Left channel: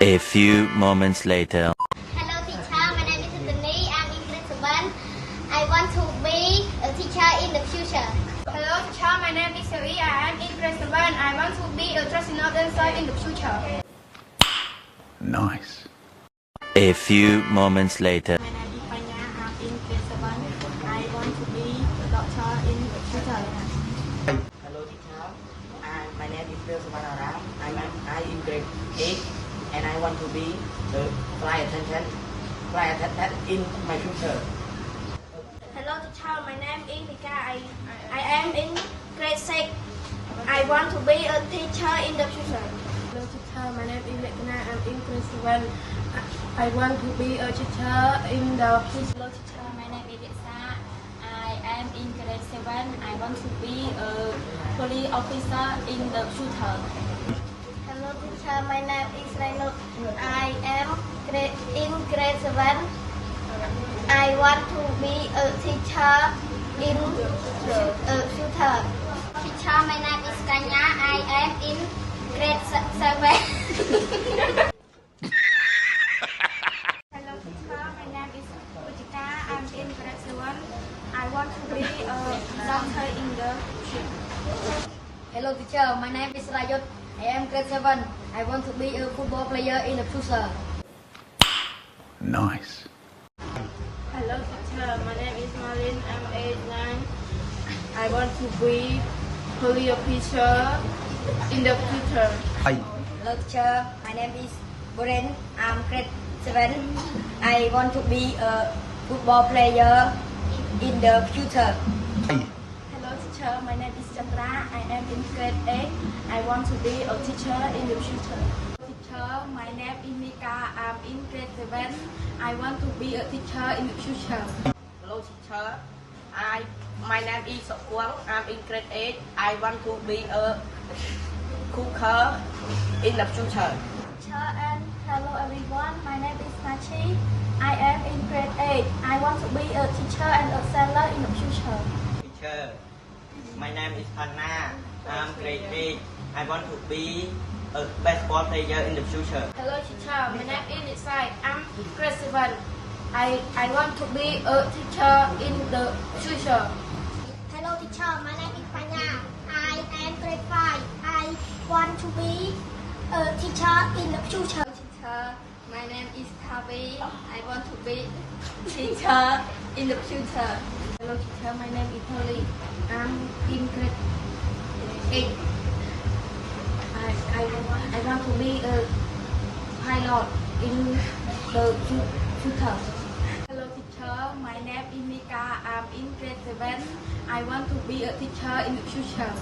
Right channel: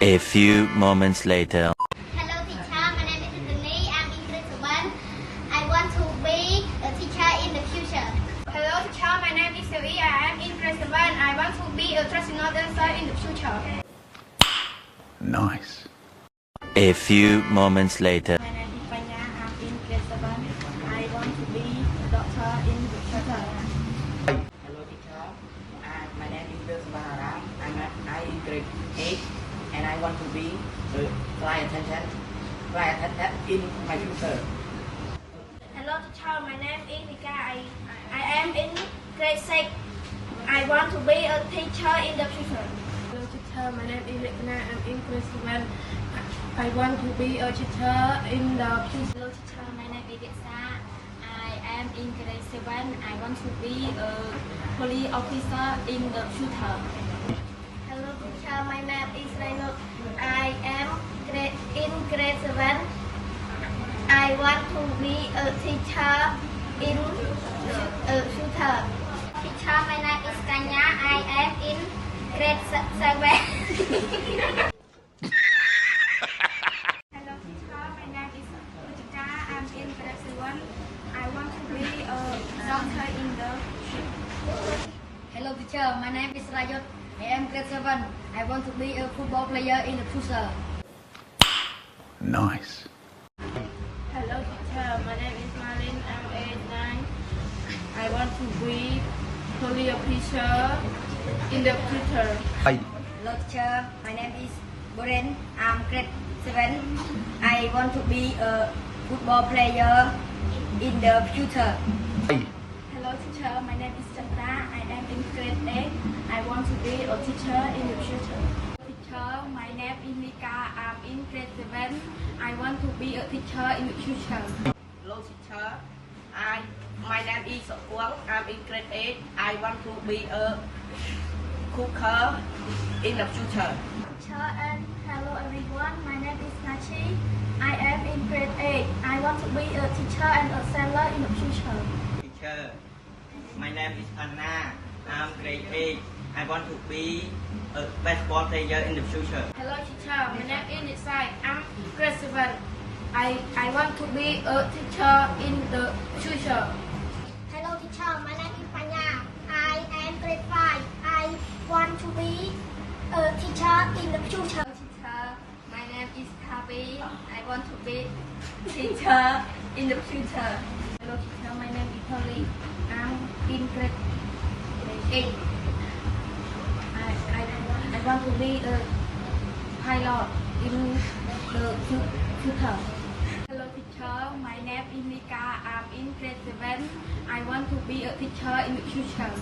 A few moments later. Hello teacher, my name is Anthony. I'm in grade 7. I want to be a teacher in the future. Hello teacher, my name is Sari. I am in grade 7. I want to be a traditional dancer in the future. Nice. A few moments later. My name is Panya. I'm in grade 7. I want to be a doctor in the future. Hello teacher, my name is Sumanara. I'm in grade 8 and I want to be a flight attendant in my future. Hello teacher, my name is Nika. I am in grade 6. I want to be a teacher in the future. Hello teacher, my name is Mekna. I'm in grade 7. I want to be a teacher in the future. Hello teacher, my name is Yetsa. I am in grade 7. I want to be a police officer in the future. Hello teacher, my name is Reno. I am in grade 7. I want to be a teacher in the future. Teacher, my name is Tanya. I am in grade 7. Hello teacher, my name is Utika. I'm in grade 7. I want to be a doctor in the future. Hello teacher, my name is Rayot. I am grade 7. I want to be a football player in the future. Nice. Hello teacher, my name is Malin. I'm age 9. I want to be police officer in the future. Hello teacher, my name is Boren. I'm grade 7. I want to be a football player in the future. Hello teacher, my name is Chandra. I am in grade 8. I want to be a teacher in the future. Teacher, my name is Nika. I'm in grade 7. I want to be a teacher in the future. Hello teacher, my name is Sokwang. I'm in grade 8. I want to be a cooker in the future. Teacher and hello everyone. My name is Nachi. I am in grade 8. I want to be a teacher and a seller in the future. Teacher, my name is Anna. I'm grade 8. I want to be a baseball player in the future. Hello teacher, my name is Nisai. I'm grade 7. I want to be a teacher in the future. Hello teacher, my name is Panya. I am grade 5. I want to be a teacher in the future. Teacher, my name is Tavi. I want to be teacher in the future. Hello teacher, my name is Tali. I'm in grade 8. I want to be a pilot in the future. Hello teacher, my name is Nika. I'm in grade 7. I want to be a teacher in the future.